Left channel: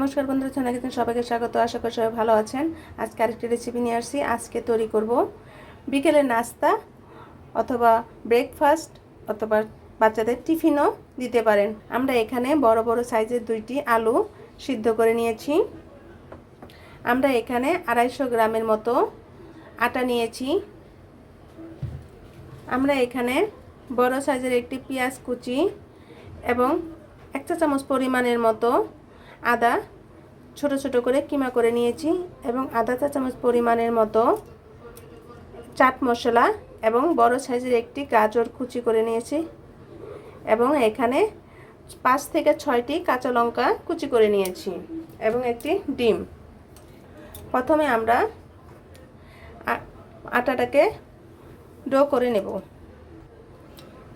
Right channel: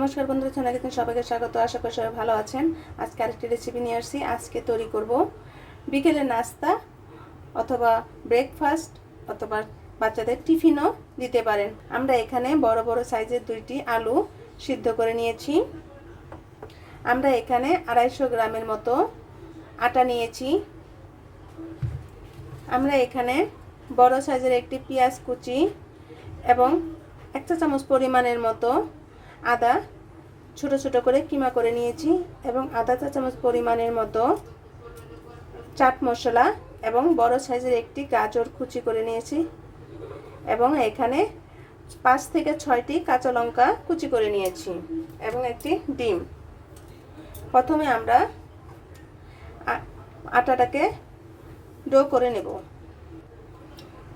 নমস্কার বন্ধুরা চ্যানেলে কিন্তু সবাইকে স্বাগত। আশা করি সবাই ভালো আছেন। আজকে আরেকটি রেসিপি নিয়ে আসছি। আজকে তৈরি করব বিকেলে নাস্তা অথবা ব্রেকফাস্ট অথবা বাচ্চাদের টিফিনও দিতে পারেন। আমরা এখানে বড় বড় সাইজের দুইটি আলু সিদ্ধ করে নিয়েছি। আমরা এখানে আড়াইশো গ্রামের মতো আটা নিয়েছি। আমরা এখানে বড় সাইজের একটি পেঁয়াজ কুচি এবং এক চামচ পরিমাণের মতো আদা ছোট ছোট করে কিমা করে নিয়েছি এবং আদা চা চামচ পরিমাণের মতো চাট মশলা এবং বড় সাইজের একটি গাজর কুচি করে নিয়েছি এবং এখানে পাঁচ থেকে ছয়টি কাঁচা লঙ্কা কুচি করে নিয়েছি এবং একটি ডিম। প্রথমে আমরা আটাটাকে ডো করে নেব।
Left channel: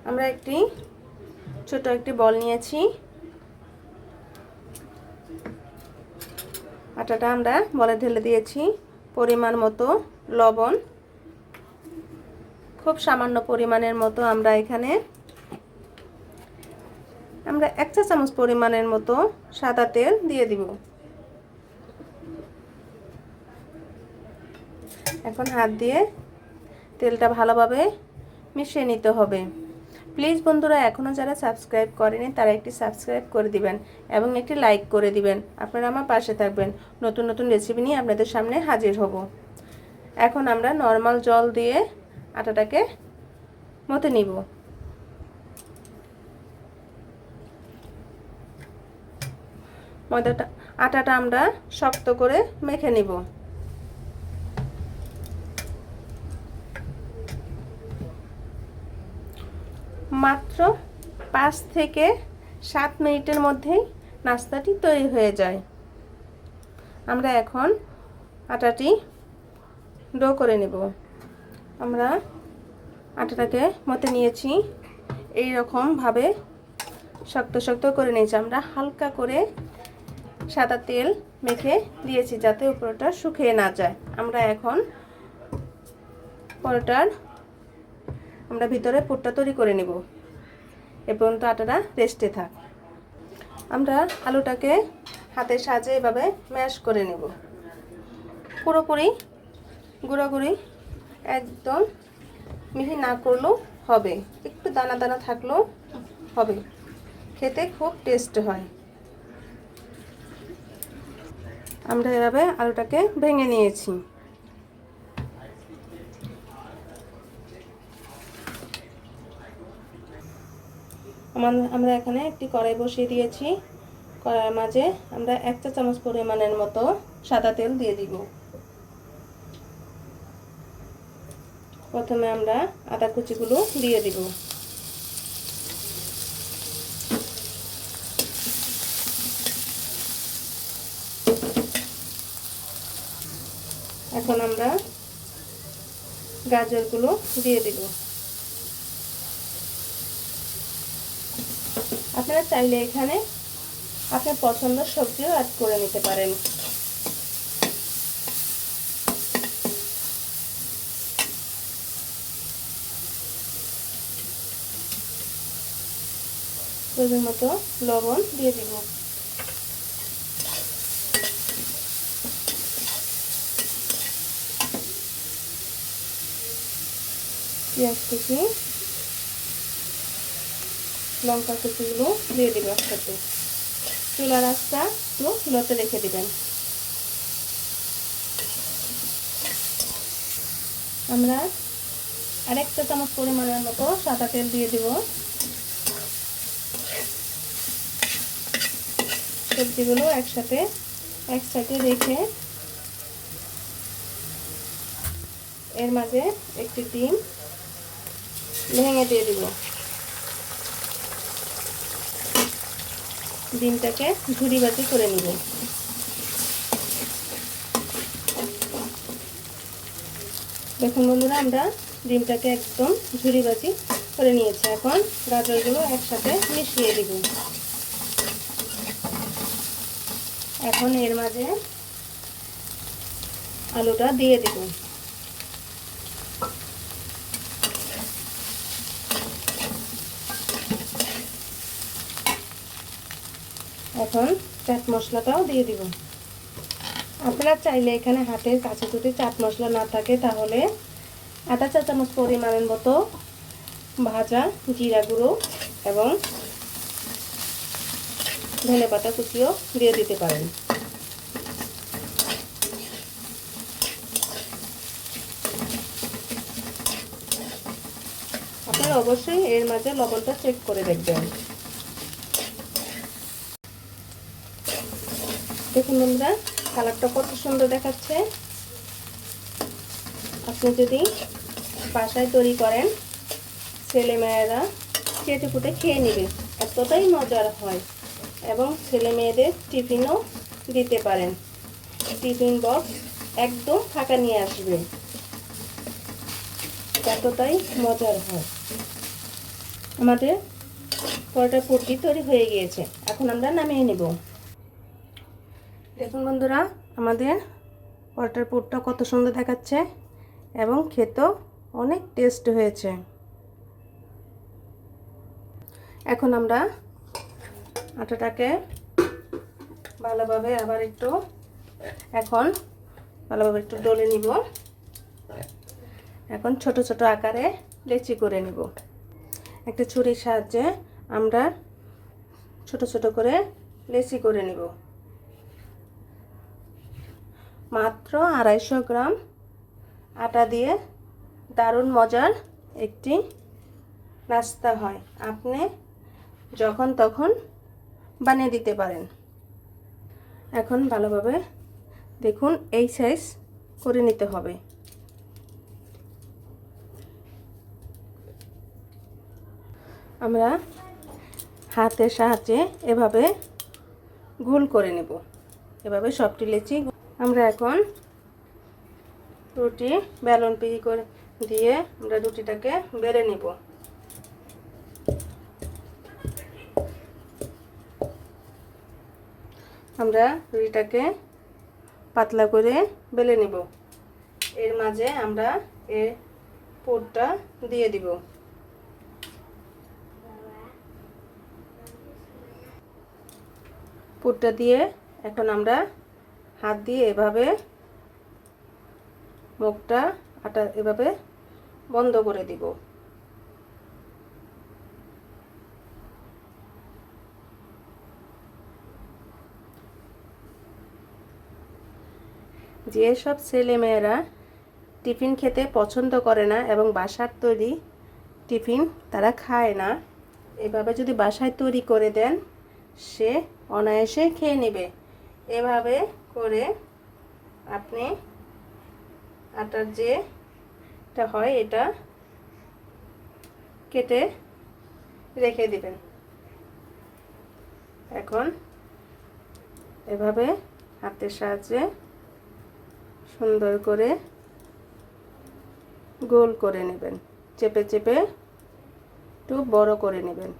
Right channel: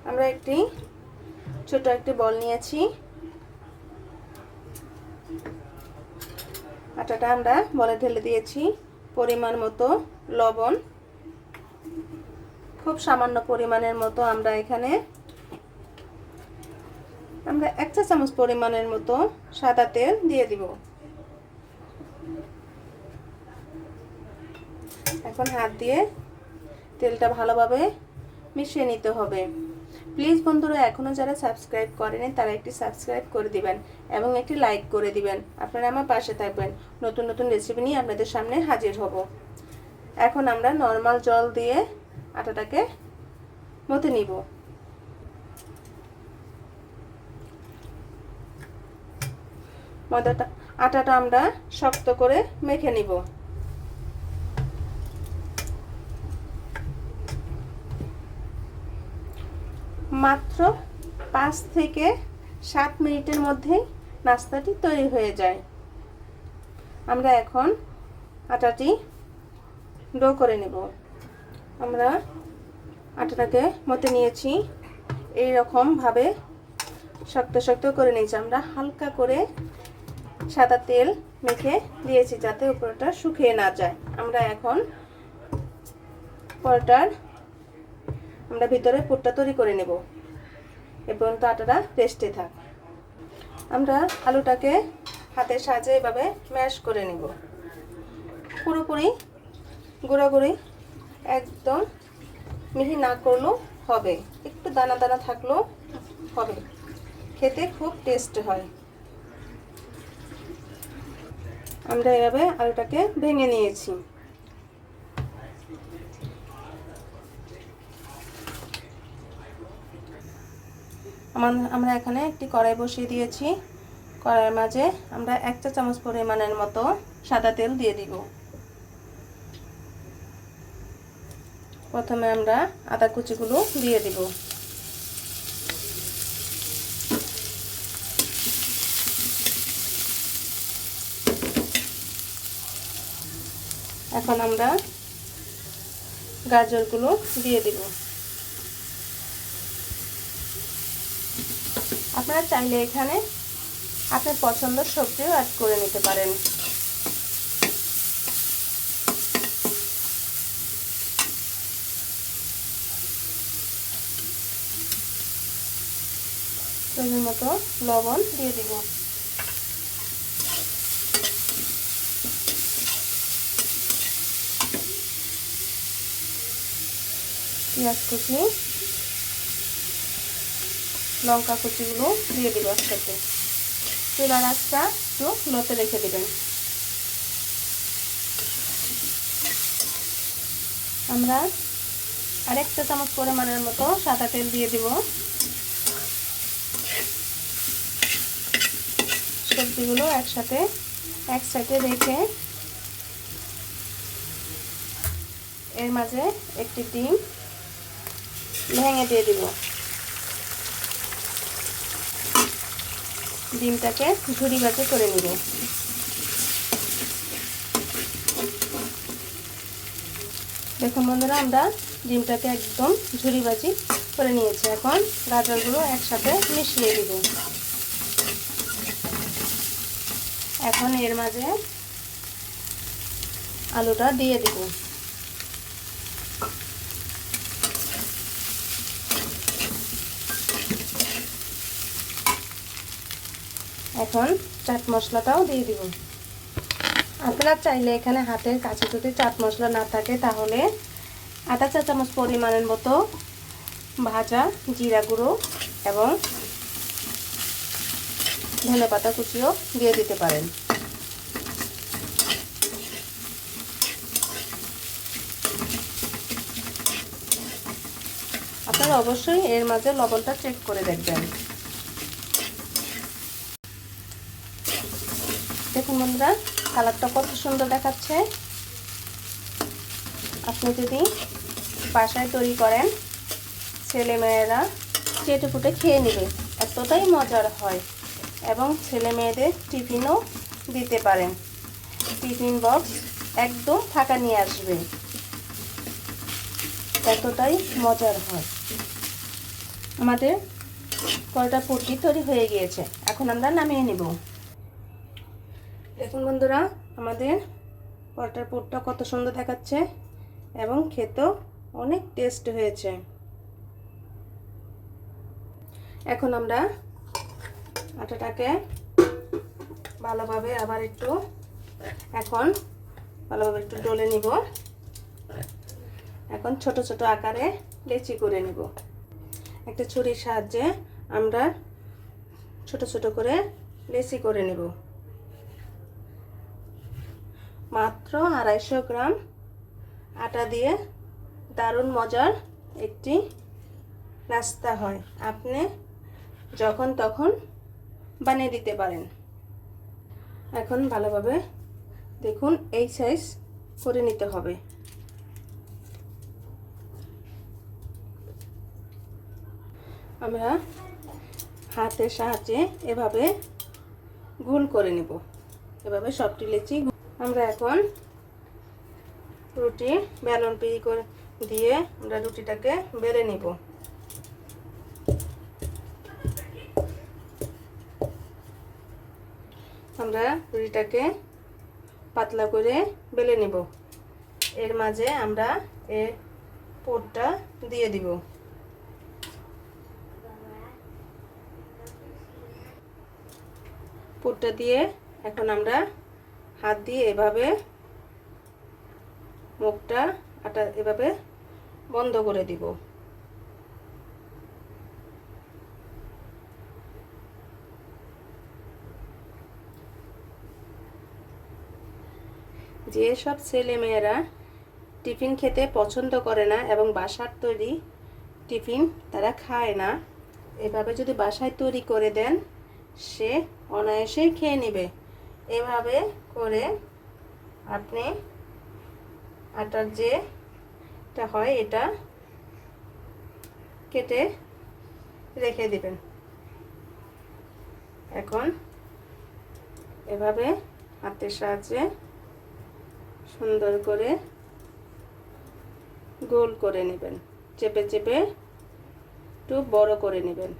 আমরা একটি ছোট একটি বল নিয়েছি। আটাটা আমরা বলে ঢেলে দিয়েছি পরিমাণ মতো লবণ। খুব সামান্য পরিমাণের মতো আমরা এখানে আমরা এক চা চামচ পরিমাণের মতো সাদা তেল দিয়ে দিব। এখন হাত দিয়ে তেলটা ভালোভাবে মিশিয়ে নিতে হবে। প্লিজ বন্ধুরা এখনও যারা সাবস্ক্রাইব করেনি, তারা একটি সাবস্ক্রাইব করে দিবেন এবং একটি লাইক করে দিবেন। আপনারা আমার পাশে থাকবেন। নতুন নতুন রেসিপি নিয়ে আপনাদের সামনে হাজির হব। এখন আমরা নর্মাল জল দিয়ে আটাটাকে মতে নিব। ময়দাটা, আটাটা আমরা শক্ত করে মেখে নিব। মাত্র পাঁচ থেকে সাত মিনিটের মধ্যেই নাস্তাটি তৈরি হয়ে যায়। আমরা এখন আটাটি ডো করে নেব। আমরা আটাটাকে মতে নিয়েছি। এই রকমভাবে শক্ত শক্ত করে নিয়েছি। আমরা হালকা করে সাদা তেল মেখে দিয়েছি যাতে উপরটা শুকিয়ে না যায়। আমরা এখন পরোটার আমরা ভিতরে পুরটা তৈরি করে নেব। এ পর্যন্ত আটাটা রেস্টে থাক। আমরা আলুটাকে হাতের সাহায্যে এভাবে ম্যাশ করে নেব। পুরোপুরি গুঁড়োগুড়ি একদম মিহি না করলেও হবে। একটু দানা দানা থাকলেও হবে। খেতে খুব টেস্ট হয়। আমরা এভাবে আলুটাকে ভেঙে নিয়েছি। আমরা এখানে একটি কড়াই বসিয়ে দিয়েছি। কড়াইয়ের মাঝে আমরা এক চা চামচ পরিমাণের মতো সাদা তেল দিয়ে দিব। প্রথমে আমরা আদা কুচিগুলো দিয়ে দিব। এখন আমরা গাজরগুলো দিয়ে দিব। আপনারা চাইলে এখানে আপনার পছন্দ সবজিও অ্যাড করে নিতে পারেন। প্রয়োজন মতো লবণ দিয়ে দিব। পেঁয়াজ কুচি লঙ্কা কুচিগুলো দিয়ে দিব একসাথে। চুলা রাস্তা একটু লতে রেখে দিবেন। আমরা আরেকটা চামচ পরিমাণের মতো সাদা তেল দিয়ে দিব। সবজিগুলো একসাথে এক সাইডে রেখে এর মাঝে একটি ডিম ভেঙে দিয়ে দিব। ডিমটাকে ঝুড়ি বাটি করে নিব। দেখুন বন্ধুরা, আমরা ডিমটাকে একদম ঝুড়ি বাজি করে নিয়েছি। এখন গাজরগুলো একসাথে মিশিয়ে দিব এখন এর মাঝে আলুটা দিয়ে দিব। এখন চাট মশলাটাও দিয়ে দিব। আপনারা চাইলে এখানে হাতের কাছে যদি চাট মশলা না থাকে তাহলে আধা চা চামচ পরিমাণের মতো ভাজা, জিরা গুঁড়ো এবং ধনে পাতা কুচিও দিয়ে দিতে পারেন। আপনারা অবশ্যই এর মাঝে লবণটা চেক করে দেখবেন। দেখুন বন্ধুরা, কালারটা কত সুন্দর দেখাচ্ছে। আপনি যদি বাসায় তৈরি করেন ছেলে মেয়েরা চেটে ফুটে খেয়ে নেবে, এতটাই মজার হয়। এবং ছেলে মেয়েদের টিফিনও দিতে পারেন। টিফিন বক্স একদম ফাঁকা নিয়ে আসবে। এতটাই মজার হয়। আমাদের পরোটা পুটি তৈরি হয়ে গিয়েছে। এখন আমরা নামিয়ে নেব। দেখুন বন্ধুরা, আমাদের পরোটার পুরটা কত সুন্দর দেখাচ্ছে এবং খেতেও অনেক টেস্ট হয়েছে। এখন আমরা আটাটাকে ভালোভাবে আবার একটু, এখন ভালোভাবে একটু ডলে নিব। এখন ছোট ছোট আকারে লেচি করে নিব। একটা ছুরির সাহায্যে আমরা ছোট ছোট করে লেচি করে নেব। মাত্র আড়াইশো গ্রাম আটা দিয়ে দারুণ মজার একটি নাস্তা হয়। আপনি যখন তখন বানিয়ে দিতে পারেন। এখন ভালোভাবে দেখুন, এই সাইজ করে নিতে হবে। আমরা হাতের সাহায্যে এভাবে গোল করে নেব। এভাবে সবটি লেচি আমরা এখন রুটি, বেলন পিড়ি করে দিয়ে আমরা রুটিটাকে বেড়ে নেব। আমরা রুটিটাকে পাতলা করে বেলে নেব। এর মাঝে আমরা এর পোটটা দিয়ে দিব। পুরটা দিয়ে এখন আমরা হাত দিয়ে এভাবে মুখটা আটা এভাবে বন্ধ করে দিব। যেসব ছেলেমেয়েরা টিফিন খেতে পছন্দ করে না এবং বাসার তৈরি টিফিন তারা খায় না, এভাবে যদি বাসায় তৈরি করে দেন, সে অনায়াসে খেয়ে নেবে। এভাবে করে আপনি আটার যে এটা হয়, এটা কেটে রেখে দিবেন। এখন এভাবে হাতের সাহায্যে সুন্দর করে গোল করে নেবেন, চেপে চেপে একটু বড় করে নেবেন।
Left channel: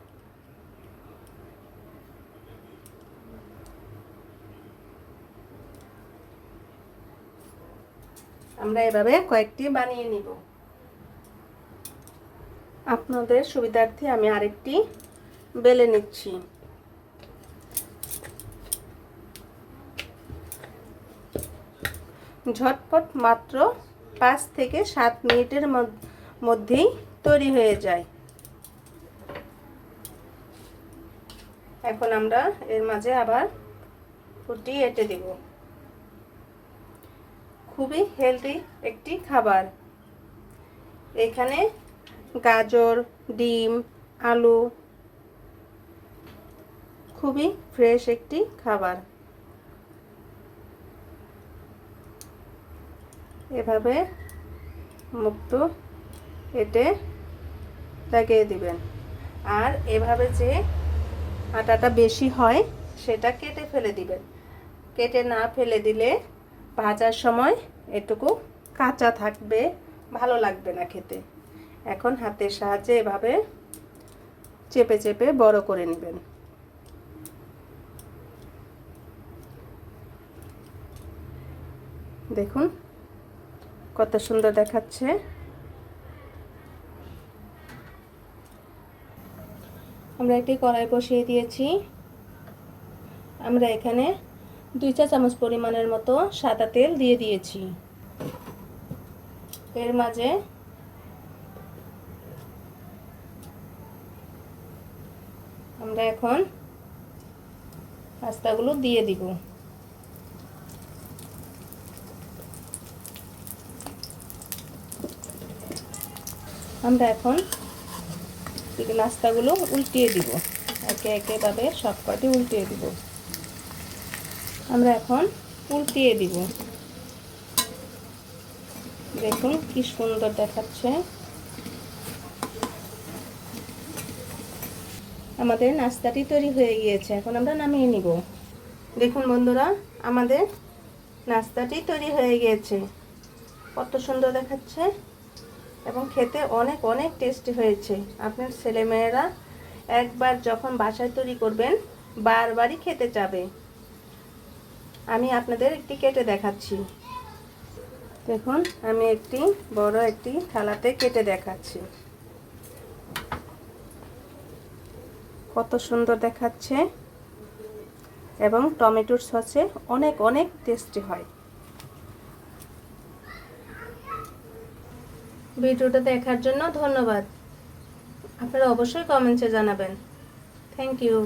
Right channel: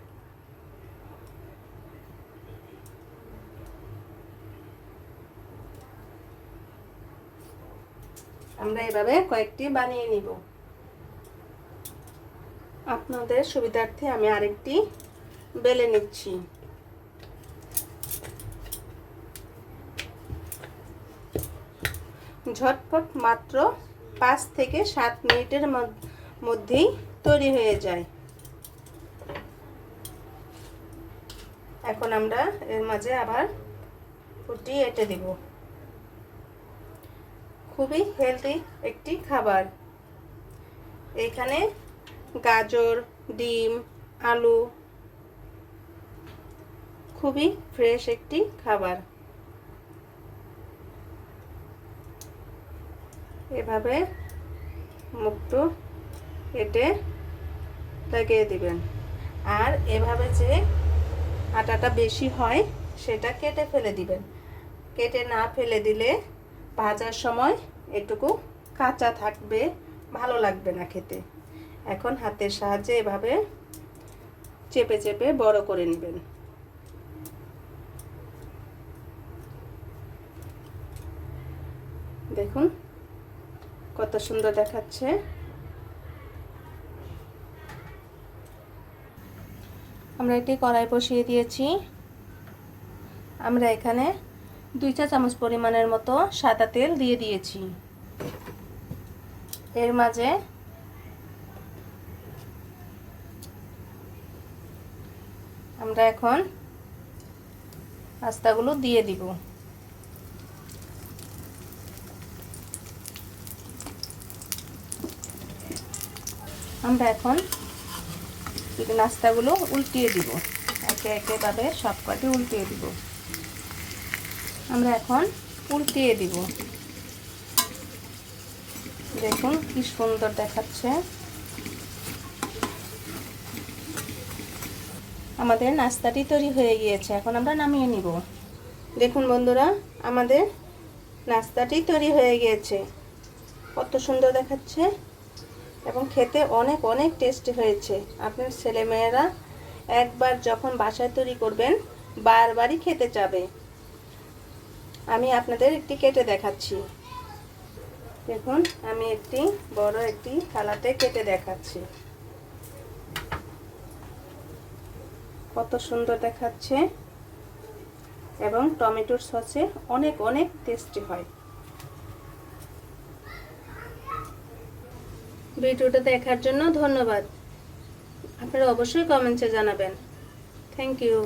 আমরা এভাবে কয়েকটি বানিয়ে নিব। আপনাদের সুবিধার্থে আমি আরেকটি বেলে নিচ্ছি। ঝটপট মাত্র পাঁচ থেকে সাত মিনিটের মধ্যেই তৈরি হয়ে যায়। এখন আমরা এর মাঝে আবার ফুটি এঁটে দেব। খুবই হেলদি একটি খাবার। এখানে গাজর, ডিম, আলু খুবই ফ্রেশ একটি খাবার। এভাবে মুক্তো কেটে লাগিয়ে দিবেন। আর এভাবে যে আটাটা বেশি হয়, সেটা কেটে ফেলে দিবেন। কেটে না ফেলে দিলে ভাজার সময় এটুকু কাঁচা থাকবে, ভালো লাগবে না খেতে। এখন হাতের সাহায্যে এভাবে চেপে চেপে বড় করে নেবেন। দেখুন কত সুন্দর দেখাচ্ছে। আমরা একটি কড়াই বসিয়ে দিয়েছি। আমরা এখানে দুই চা চামচ পরিমাণের মতো সাদা তেল দিয়ে দিয়েছি। এর মাঝে আমরা এখন পাস্তাগুলো দিয়ে দিব। আমরা এখন নাস্তাগুলো উল্টিয়ে দিব। একে একেভাবে সব কটি উল্টিয়ে দিব। আমরা এখন উল্টিয়ে দিব। দেখুন কি সুন্দর দেখাচ্ছে। আমাদের নাস্তাটি তৈরি হয়ে গিয়েছে, এখন আমরা নামিয়ে নিব। দেখুন বন্ধুরা, আমাদের নাস্তাটি তৈরি হয়ে গিয়েছে। কত সুন্দর দেখাচ্ছে এবং খেতে অনেক অনেক টেস্টি হয়েছে। আপনার ছেলেমেয়েরা একবার যখন বাসায় তৈরি করবেন, বারবারই খেতে চাবে। আমি আপনাদের একটি কেটে দেখাচ্ছি। দেখুন, আমি একটি বড় একটি থালাতে কেটে দেখাচ্ছি। কত সুন্দর দেখাচ্ছে। এবং টমেটোর সসে অনেক অনেক টেস্টি হয়। ভিডিওটা দেখার জন্য ধন্যবাদ। আপনারা অবশ্যই কমেন্টসে জানাবেন। Thank you.